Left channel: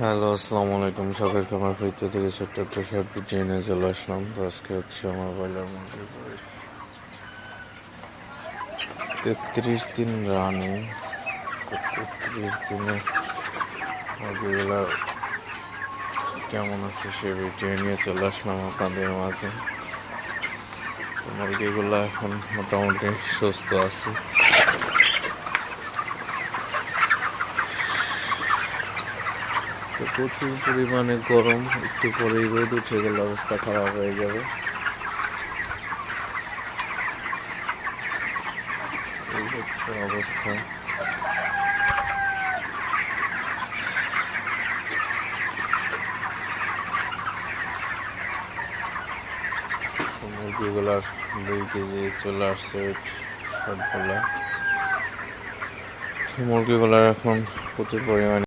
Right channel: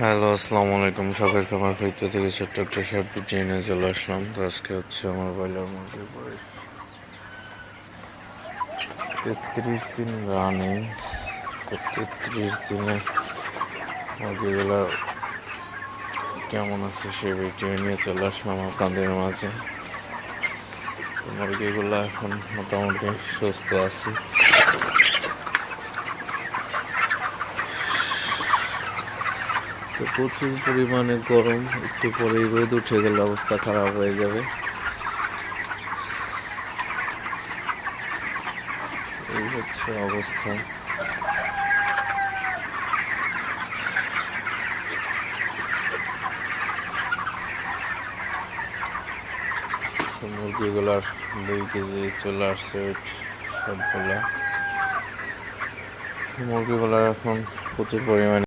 Hello, আসসালামু আলাইকুম। শখের খামার হইতে থেকে ছোট্ট একটা শর্ট ভিডিও নিয়ে চলে আসলাম। তো আজকে হচ্ছে আমার ব্রয়লার মুরগির বয়স 33 দিন রানিং। তো 33 দিনে মুরগিগুলো কেমন আছে সে ভিডিও নিয়ে চলে আসলাম আপনাদের মাঝে। তো মুরগিগুলো এখন মোটামুটি সুস্থ আছে। তো প্রচুর পরিমাণে গরম, একটু পরেই রোদ উঠে গেলে অবস্থা খারাপ হয়ে যাবে। এই হচ্ছে অবস্থা। মুরগিগুলার 2 কেজি চলে আসছে ওয়েট সবগুলা। মুরগিগুলার এখন প্রচুর পরিমাণে